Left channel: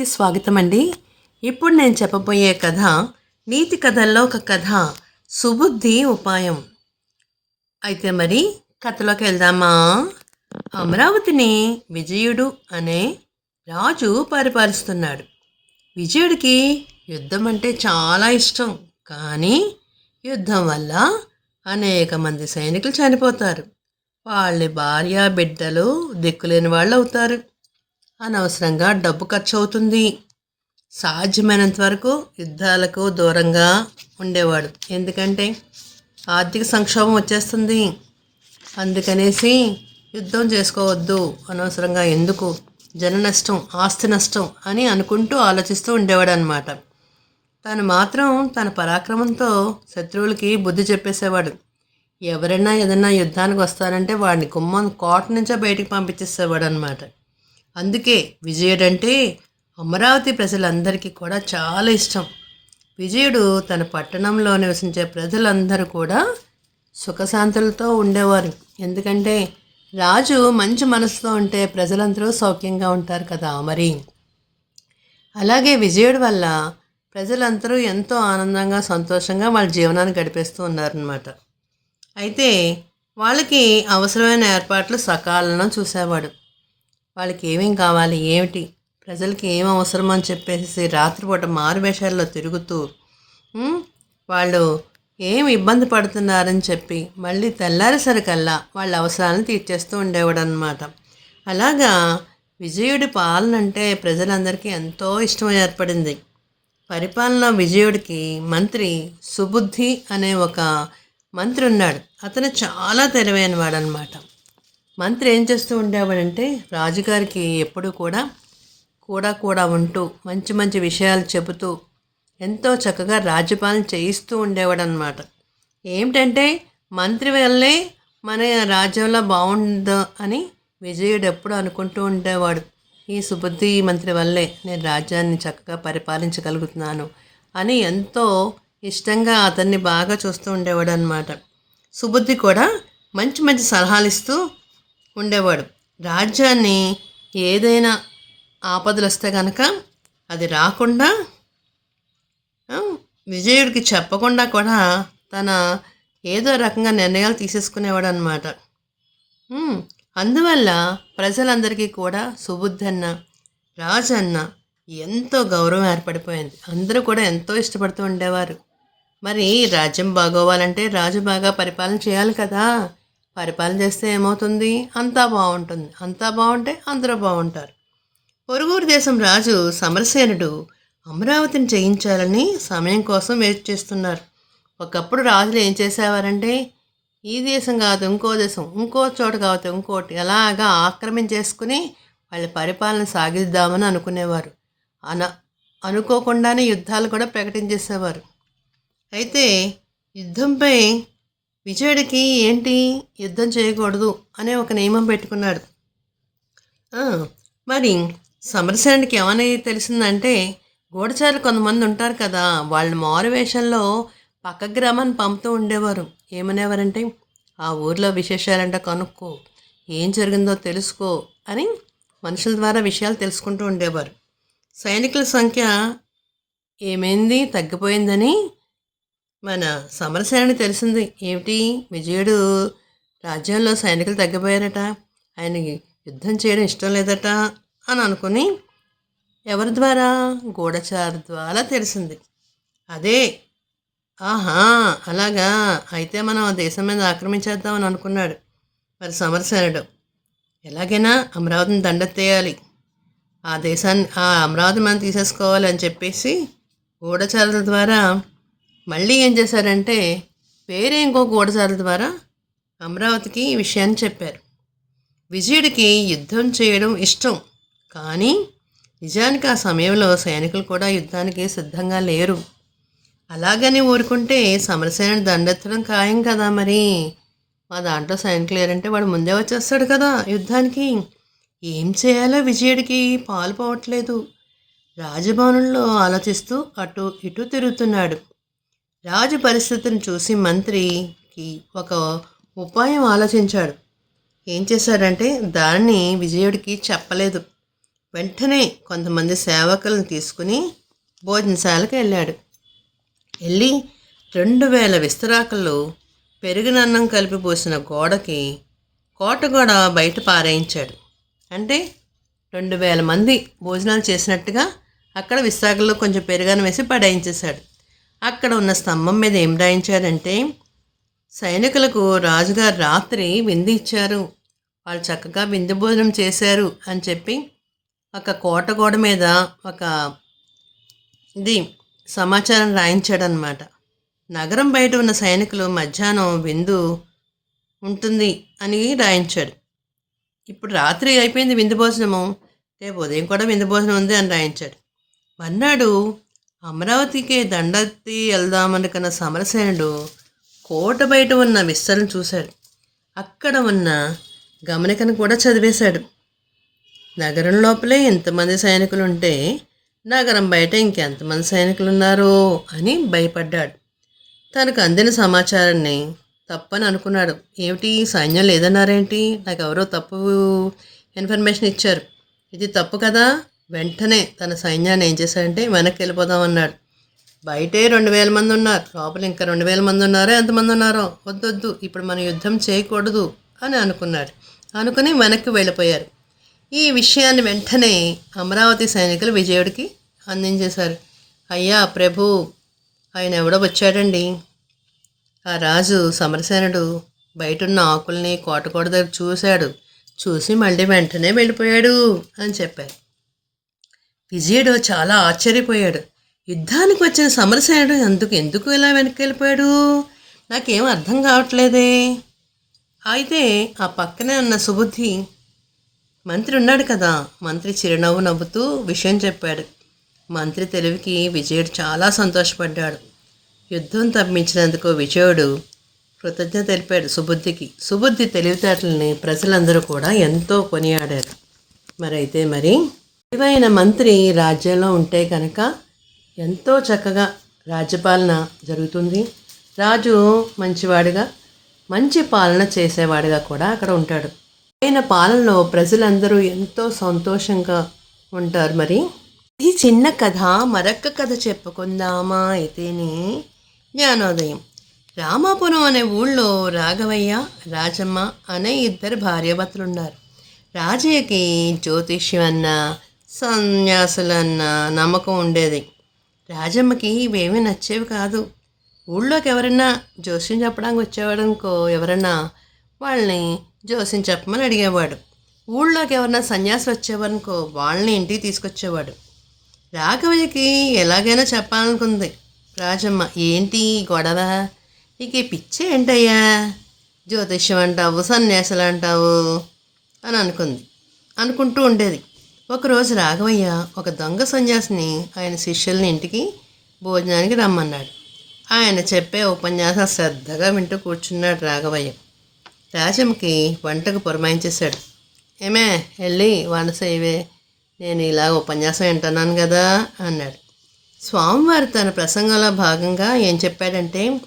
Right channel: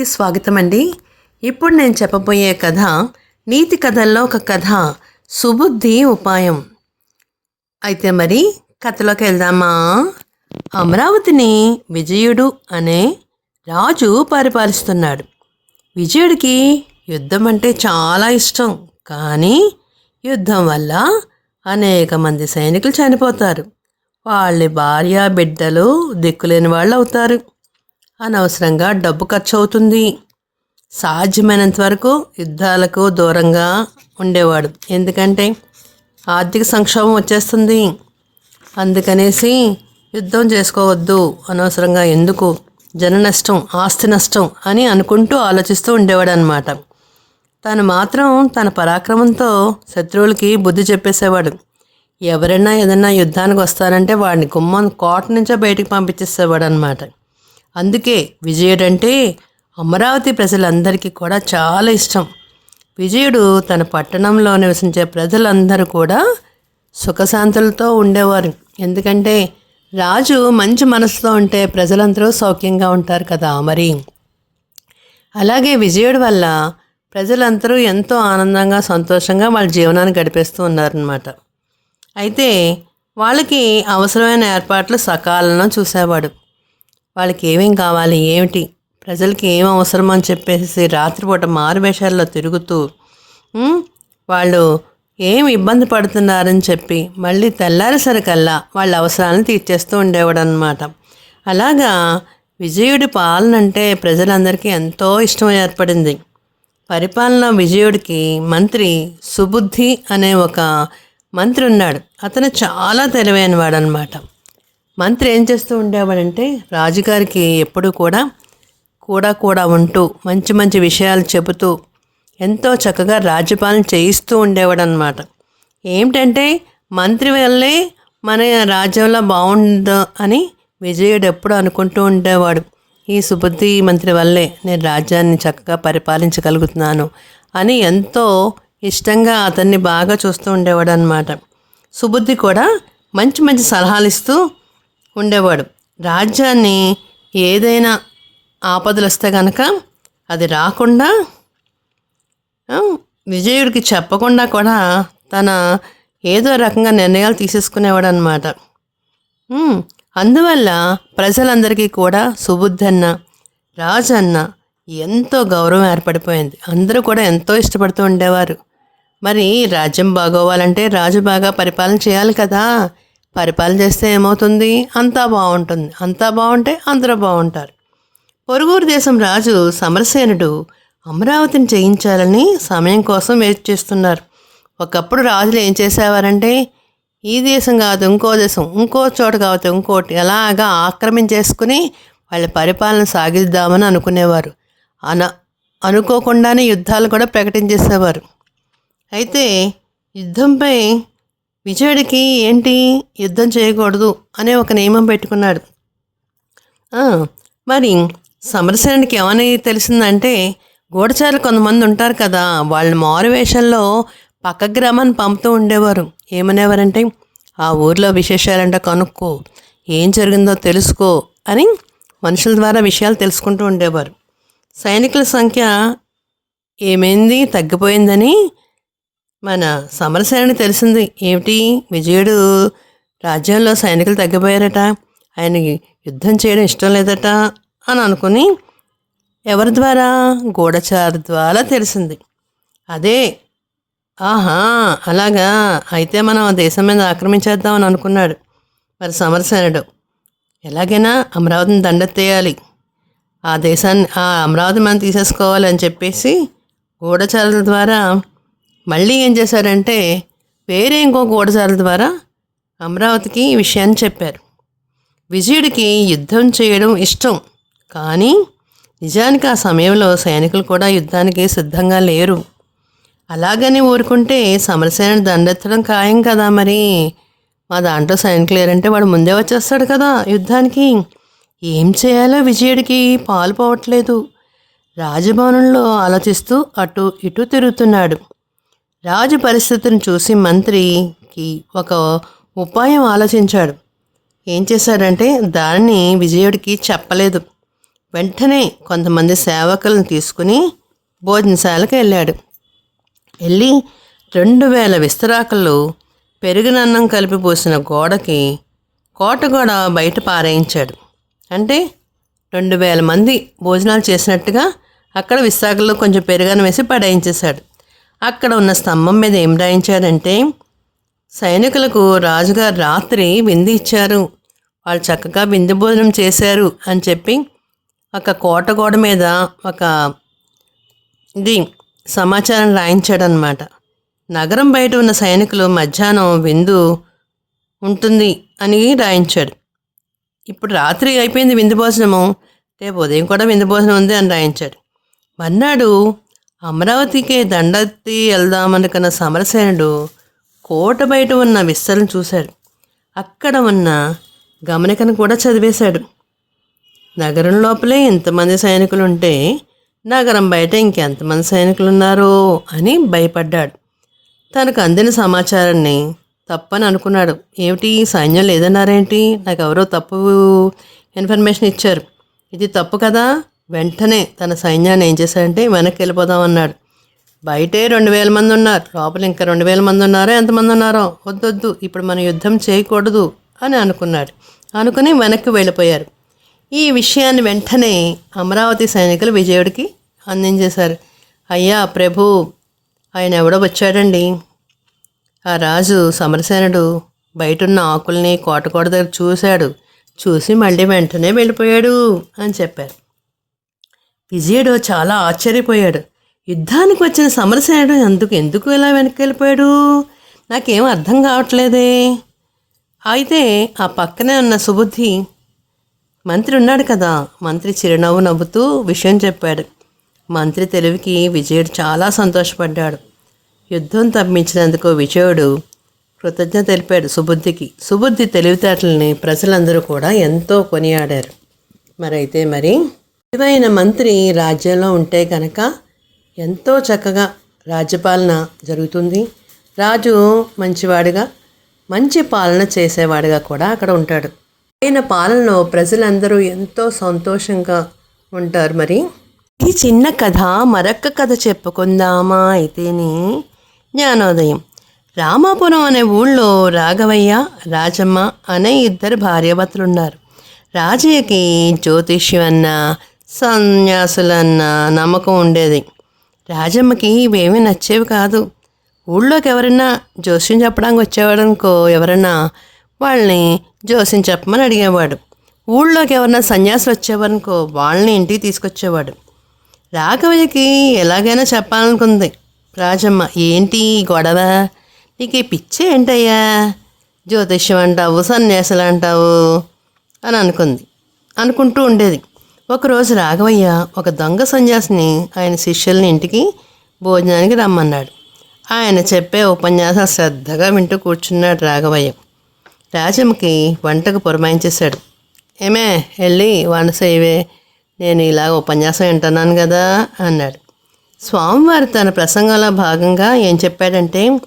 కి స్వాగతం అండి ఇప్పుడు నేను చెప్పబోయే కథ నీతి కథల్లో ఒక కథ సుబుద్ధి ఉపాయం. అయితే మరి కథలోకి వెళ్దామా? అమరావతిని విజయుడు అనే రాజు పరిపాలిస్తున్నాడు. విజయుడికి యుద్ధం అంటే చాలా ఇష్టం. కానీ యుద్ధం వల్ల అనేక మంది సైనికులు చనిపోతారు. వాళ్ళ భార్య బిడ్డలు దిక్కులేని వాళ్ళు అవుతారు అనవసరంగా డబ్బు ఖర్చు అవుతుంది సాధ్యమైనంత వరకు యుద్ధాలకు దూరంగా ఉండేవాడు. ఎందుకంటే ఆర్థిక సంక్షోభం వచ్చేస్తుంది. అందుకనేసి యుద్ధం చేసుకోవద్దు. అనవసరంగా ఎందుకు? జన నష్టం ఆస్తి నష్టం అని అనుకుంటూ ఆలోచిస్తూ ఉండేవాడు అనమాట తను మాత్రం తన పరాక్రమంతో శత్రువులకి బుద్ధి చెప్పేసేవాడు. ఎవరైనా ఏదైనా యుద్ధానికి వస్తారంటే వాడిని గుమ్మం కోట నుంచే బయటికి పంపించేసేవాడు అనమాట అందుకే విజయుడంటే అమరావతి ప్రజలందరికీ కూడా చాలా ఇష్టం. విజయుడు తన పట్టణంలో నివసించే ప్రజలందరూ కూడా సుఖశాంతులతో ఉండేవారు. ఎందుకంటే రాజు మంచి మనసుతో ఉంటే ప్రజలందరూ సౌఖ్యంగా ఉంటారు కదా మరి. అలాగే విజయుడు వల్ల ప్రజలందరూ ఎంతో ఆనందంగా సంతోషంగా వాళ్ళ జీవనాన్ని గడిపేస్తూ ఉన్నారనమాట అయితే వాళ్ళకి అవసరమైన ఏర్పాట్లు సకాలంలో చూసేవాడు. వాళ్ళకి ఏమేం కావాలి ఏమిటి? ప్రజలకి ఏం అవసరమో అని చెప్పేసి రాత్రిపూట మారువేషాల్లో తిరుగుతూ వాళ్ళు ఏం ఇబ్బంది పడుతున్నారని చెప్పి మళ్ళీ తెల్లారేసరికల్లా వాళ్ళ అవసరాలను తీర్చేస్తూ ఉండేవాడు అనమాట అలాగా విజయుడి పాలన అంటే ప్రజలందరికీ ఎంతో ఇష్టం ఏర్పడింది. పరిపాలన విజయుడికి మంత్రి సుబుద్ధి అనే ఒక మంత్రి ఉన్నాడు. అతను చాలా తెలివైన వాడనమాట మంత్రి ఏం చేస్తూ ఉండేవాడంటే రాజుగారికి ఎప్పుడూ కూడా కూడా కూడా ఉంటూ మంచి మంచి విషయాలు చెబుతూ ఎంతో చక్కగా రాజ్యపాలన చేయిస్తూ ఉండేవాడు అనమాట ఏమిటంటే మంత్రి వల్లే మన రాజ్యంలో బాగుండు అని విజయుడు ఎప్పుడు అనుకుంటూ ఉండేవాడు. ఈ సుబుద్ధి మంత్రి వల్లే నేను రాజ్యాన్ని చక్కగా పరిపాలించగలుగుతున్నాను అని ఎంతో ఇష్టంగా అతన్ని బాగా చూస్తూ ఉండేవాడు అనమాట సుబుద్ధి కూడా మంచి మంచి సలహాలు ఇస్తూ ఉండేవాడు. రాజ్యాన్ని ఏదైనా ఆపదలు వస్తే కనుక అది రాకుండా విజయుడికి చెప్పకుండా కూడా తన ఏదో రకంగా నిర్ణయాలు తీసేసుకునేవాడు అనమాట అందువల్ల ప్రజలందరికీ కూడా సుబుద్ధన్న రాజన్న ఎంతో గౌరవం ఏర్పడిపోయింది. అందరూ కూడా ఎంతో ఇష్టపడుతూ ఉండేవారు. మరి రాజ్యం బాగోవాలంటే రాజు బాగా పరిపాలన చేయాలి కదా. పరిపాలన చేస్తే ఏమవుతుంది? అంతా బాగుంటుంది. అంతా బాగుంటే అందరూ బాగుంటారు. పొరుగురు దేశం రాజు సమరసేనుడు అమరావతిని చేయించాలని సమయం కోసం వేచి చేస్తున్నారు. ఒకప్పుడు రాజులు ఏం చేసేవారంటే ఈ దేశం కాదు ఇంకో దేశం ఇంకో చోట కావచ్చు ఇంకోటి అలాగా ఆక్రమించేసుకుని వాళ్ళ పరిపాలన సాగిద్దామని అనుకునేవారు. అన అనుకోకుండానే యుద్ధాలు కూడా ప్రకటించేసేవారు. అయితే యుద్ధంపై విజయుడికి ఏంటి యుద్ధం చేయకూడదు అనే ఒక నియమం పెట్టుకున్నాడు. మరి సమరసేనుడికి ఏమని తెలిసిందంటే గూఢచారులు కొంతమంది ఉంటారు కదా వాళ్ళ మారువేషంలో పక్క గ్రామాన్ని పంపుతూ ఉండేవారు. ఏమనేవారంటే ఆ ఊర్లో విశేషాలంటే కనుక్కో ఏం జరిగిందో తెలుసుకో అని మనుషుల ద్వారా విషయాలు తెలుసుకుంటూ ఉండేవారు. సైనికుల సంఖ్య ఏమైంది? తగ్గిపోయిందని మన సమరసేనని తెలిసింది. ఏమిటి? విజయుడు రాజ్యంలో సైనికులు తగ్గిపోయారట. ఆయనకి యుద్ధం చేయడం ఇష్టం లేదట అని అనుకుని ఎవరి ద్వారా? గూఢచారు ద్వారా తెలిసింది. అదే. ఆహా అలాగా. అయితే మనం దేశం మీద ఆక్రమించేద్దామని అనుకున్నాడు. మరి సమరసేనుడు ఎలాగైనా అమరావతిని దండెత్తేయాలి. ఆ దేశాన్ని ఆ అమరావతి మనం తీసేసుకోవాలి అని చెప్పేసి గూఢచారుల ద్వారా మళ్ళీ ఏం చేశారంటే వేరే ఇంకో గూఢచారుల ద్వారా అమరావతికి ఈ విషయాన్ని చెప్పారు. విజయుడికి యుద్ధం చేయడం ఇష్టం కానీ నిజానికి ఆ సమయంలో సైనికులు కూడా యుద్ధానికి సిద్ధంగా లేరు. అలాగని ఊరుకుంటే సమరసేన దండెత్తడం ఖాయం కదా మరి. మా దాంట్లో సైనికులు లేరంటే వాడు ముందే వచ్చేస్తాడు కదా యుద్ధానికి. ఏం చేయాలో విజయుడికి పాలు పోవట్లేదు. రాజభవనంలో ఆలోచిస్తూ అటు ఇటు తిరుగుతున్నాడు. రాజు పరిస్థితిని చూసి మంత్రికి ఒక ఉపాయం ఆలోచించాడు. ఏం చేశాడంటే దానిని విజయుడికి చెప్పలేదు. వెంటనే కొంతమంది సేవకులను తీసుకుని భోజనశాలకు వెళ్ళాడు. వెళ్ళి రెండు వేల విస్తరాకులు పెరిగినన్నం కలిపి పోసిన గోడకి కోట గోడ బయట పారేయించాడు. అంటే రెండు వేల మంది భోజనాలు చేసినట్టుగా అక్కడ విశాఖలో కొంచెం పెరుగన్నం వేసి పడేయించేశాడు. అక్కడ ఉన్న స్తంభం మీద ఏం రాయించారంటే సైనికులకు రాజుగారు రాత్రి విందు ఇచ్చారు. వాళ్ళు చక్కగా విందు భోజనం చేశారు అని చెప్పి ఒక కోట గోడ మీద ఒక ఇది సమాచారం రాయించాడు అనమాట నగరం బయట ఉన్న సైనికులు మధ్యాహ్నం విందు ఉంటుంది అని రాయించాడు. ఇప్పుడు రాత్రి అయిపోయింది విందు భోజనము రేపు ఉదయం కూడా విందు భోజనం ఉంది అని రాయించాడు. మర్నాడు అమరావతికి దండెత్తి వెళ్దామనుకున్న సమరసేనుడు కోట బయట ఉన్న విస్తలను చూశాడు. అక్కడ ఉన్న గమనికను కూడా చదివేశాడు. నగరం లోపలే ఇంతమంది సైనికులు ఉంటే నగరం బయట ఇంకెంతమంది సైనికులు ఉన్నారో అని భయపడ్డాడు. తనకు అందిన సమాచారాన్ని తప్పని అనుకున్నాడు. ఏమిటి? సైన్యం లేదన్నారేంటి? నాకు ఎవరో తప్పు ఇన్ఫర్మేషన్ ఇచ్చారు. ఇది తప్పు కదా? వెంటనే తన సైన్యాన్ని ఏం చేశాడంటే వెనక్కి వెళ్ళిపోదాం అన్నాడు. బయటే రెండు వేల మంది ఉన్నారు. లోపల ఇంకా రెండు వేల మంది ఉన్నారో? ఎంతమంది ఉన్నారో? వద్దొద్దు. ఇప్పుడు మనం యుద్ధం చేయకూడదు అని అనుకున్నాడు. అనుకుని వెనక్కి వెళ్ళిపోయారు. ఈ విషయాన్ని వెంటనే అమరావతి సైనికులు విజయుడికి అందించేశారు. అయ్యా ప్రభు ఆయన ఎవడో వచ్చాడండి. ఆ రాజు సమరసేనుడు బయటున్న ఆకుల్ని కోటకోట దగ్గర చూశాడు. చూసి మళ్ళీ వెంటనే వెళ్ళిపోయాడు అని చెప్పారు. విజయుడు చాలా ఆశ్చర్యపోయాడు. యుద్ధానికి వచ్చిన సమరసేనుడు ఎందుకు ఎందుకు ఇలా వెనక్కి వెళ్ళిపోయాడు నాకేం అర్థం కావట్లేదే. అయితే ఆ పక్కనే ఉన్న సుబుద్ధి మంత్రి ఉన్నాడు కదా. మంత్రి చిరునవ్వు నవ్వుతూ విషయం చెప్పాడు. మంత్రి తెలివికి విజయుడు చాలా సంతోషపడ్డాడు. యుద్ధం తప్పించినందుకు విజయుడు కృతజ్ఞత తెలిపాడు సుబుద్ధికి. సుబుద్ధి తెలివితేటలని ప్రజలందరూ కూడా ఎంతో కొనియాడారు. మరైతే మరి తెలివైన మంత్రి రాజ్యంలో ఉంటే కనుక ఎంతో చక్కగా రాజ్యపాలన జరుగుతుంది. రాజు మంచివాడిగా మంచి పాలన చేసేవాడిగా కూడా అక్కడ ఉంటాడు. ఆయన పాలనలో ప్రజలందరూ ఎంతో సంతోషంగా ఉంటారు మరి. ఈ చిన్న కథ మరొక్క కథ చెప్పుకుందామా అయితేనే జ్ఞానోదయం. రామాపురం అనే ఊళ్ళో రాఘవయ్య రాజమ్మ అనే ఇద్దరు భార్యాభర్తలు ఉన్నారు రాజయ్యకి జ్యోతిష్యం అన్న సన్యాసులన్న నమ్మకం ఉండేది. రాజమ్మకి ఇవేమీ నచ్చేవి కాదు. ఊళ్ళోకి ఎవరైనా జోస్యం చెప్పడానికి వచ్చేవాడు అనుకో ఎవరైనా వాళ్ళని జోస్యం చెప్పమని అడిగేవాడు. ఊళ్ళోకి ఎవరైనా సన్యాసులు వచ్చేవారనుకో వాళ్ళని ఇంటికి తీసుకొచ్చేవాడు. రాఘవయ్యకి ఎలాగైనా చెప్పాలనుకుంది. రాజమ్మ ఏంటి గొడవ? నీకు ఈ పిచ్చి ఏంటయ్యా? జ్యోతిష్యం అంటావు సన్యాసులు అంటావు అని అనుకుంది. అనుకుంటూ ఉండేది. ఒకరోజు రాఘవయ్య ఒక దొంగ సన్యాసిని ఆయన శిష్యుల్ని ఇంటికి భోజనానికి రమ్మన్నాడు. ఆయన చెప్పే ఉపన్యాసం శ్రద్ధగా వింటూ కూర్చున్నాడు రాఘవయ్య. రాజమ్మకి వంటకు పురమాయించేశాడు. ఏమే వెళ్ళి వంట చేయవే నేను ఇలా ఉపన్యాసం వింటున్నాను కదా అన్నాడు. స్వామివారు తన ప్రసంగంలో భాగంగా ఏం చెప్పాడంటే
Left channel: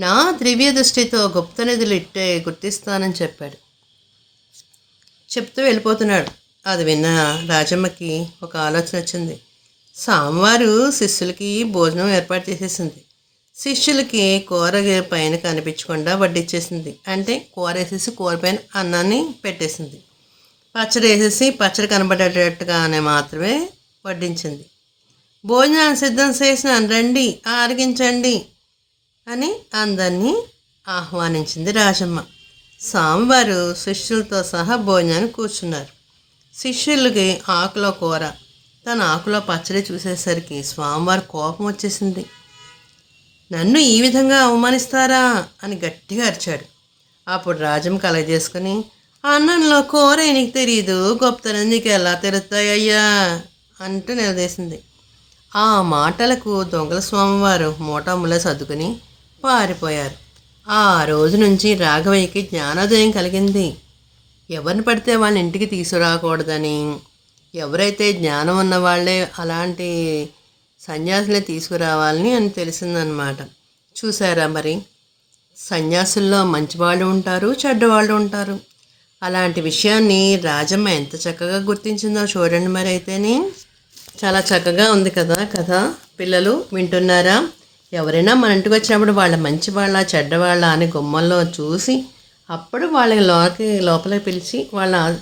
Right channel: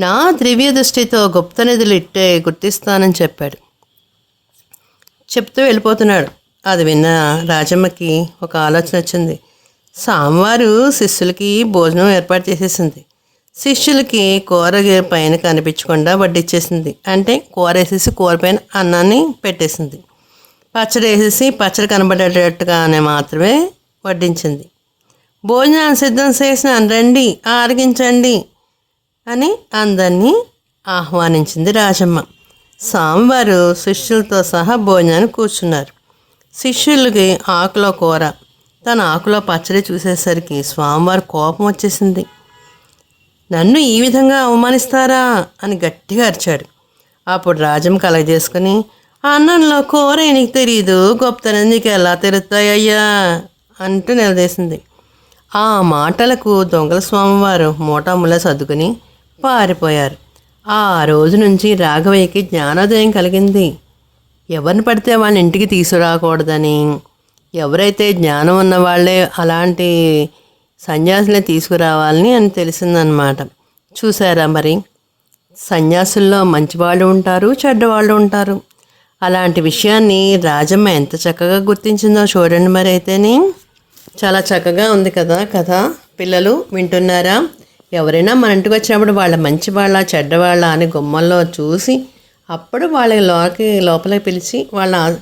నా దివ్య దృష్టితో గుప్త నిధులు ఇట్టే గుర్తిస్తానని చెప్పాడు. చెప్తూ వెళ్ళిపోతున్నాడు. అది విన్న రాజమ్మకి ఒక ఆలోచన వచ్చింది. స్వామివారు శిష్యులకి భోజనం ఏర్పాటు చేసేసింది. శిష్యులకి కూర పైన కనిపించకుండా వడ్డిచ్చేసింది. అంటే కూర వేసేసి కూర పైన అన్నాన్ని పెట్టేసింది. పచ్చడి వేసేసి పచ్చడి కనబడేటట్టుగానే మాత్రమే వడ్డించింది. భోజనం సిద్ధం చేసిన రండి ఆరగించండి అని అందరినీ ఆహ్వానించింది రాజమ్మ. సాంబారు శిష్యులతో సహా భోజనాన్ని కూర్చున్నారు. శిష్యులకి ఆకులో కూర. తన ఆకులో పచ్చడి చూసేసరికి స్వామివారి కోపం వచ్చేసింది. నన్ను ఈ విధంగా అవమానిస్తారా? అని గట్టిగా అరిచాడు. అప్పుడు రాజమ్మ కలగజేసుకుని అన్నంలో కూర నీకు తెలియదు గొప్పతనం నీకు ఎలా తెరుతాయ్యా అంటూ నిలదీసింది. ఆ మాటలకు దొంగల స్వామివారు మూటాముల సర్దుకుని పారిపోయారు. ఆ రోజు నుంచి రాఘవయ్యకి జ్ఞానోదయం కలిగింది. ఎవరిని పడితే వాళ్ళని ఇంటికి తీసుకురాకూడదని. ఎవరైతే జ్ఞానం ఉన్న వాళ్ళే అలాంటి సన్యాసులే తీసుకురావాలని అని తెలిసిందనమాట. చూసారా మరి? సన్యాసుల్లో మంచివాళ్ళు ఉంటారు చెడ్డవాళ్ళు ఉంటారు. అలాంటి విషయాన్ని రాజమ్మ ఎంత చక్కగా గుర్తించిందో చూడండి మరి అయితేనే. చాలా చక్కగా ఉంది కదా కథ. పిల్లలు వింటున్నారా? ఎవరైనా మన ఇంటికి వచ్చినప్పుడు వాళ్ళ మంచి వాళ్ళ చెడ్డవాళ్ళ అని గుమ్మల్లో చూసి అప్పుడు వాళ్ళ లోకి లోపలికి పిలిచి వాళ్ళ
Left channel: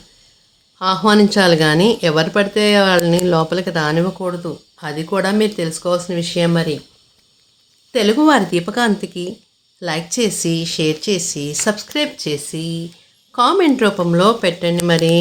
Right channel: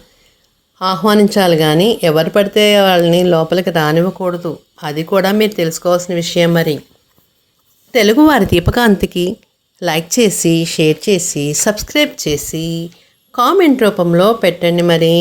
ఆహ్వానించాలి కానీ ఎవరు పడితే వాళ్ళని లోపలికి రానివ్వకూడదు. అది కూడా మీరు తెలుసుకోవాల్సిన విషయం మరి. తెలుగు వారి దీపకాంతికి లైక్ చేసి షేర్ చేసి సబ్స్క్రైబ్ చేసి కామెంట్ రూపంలో పెట్టండి మరి.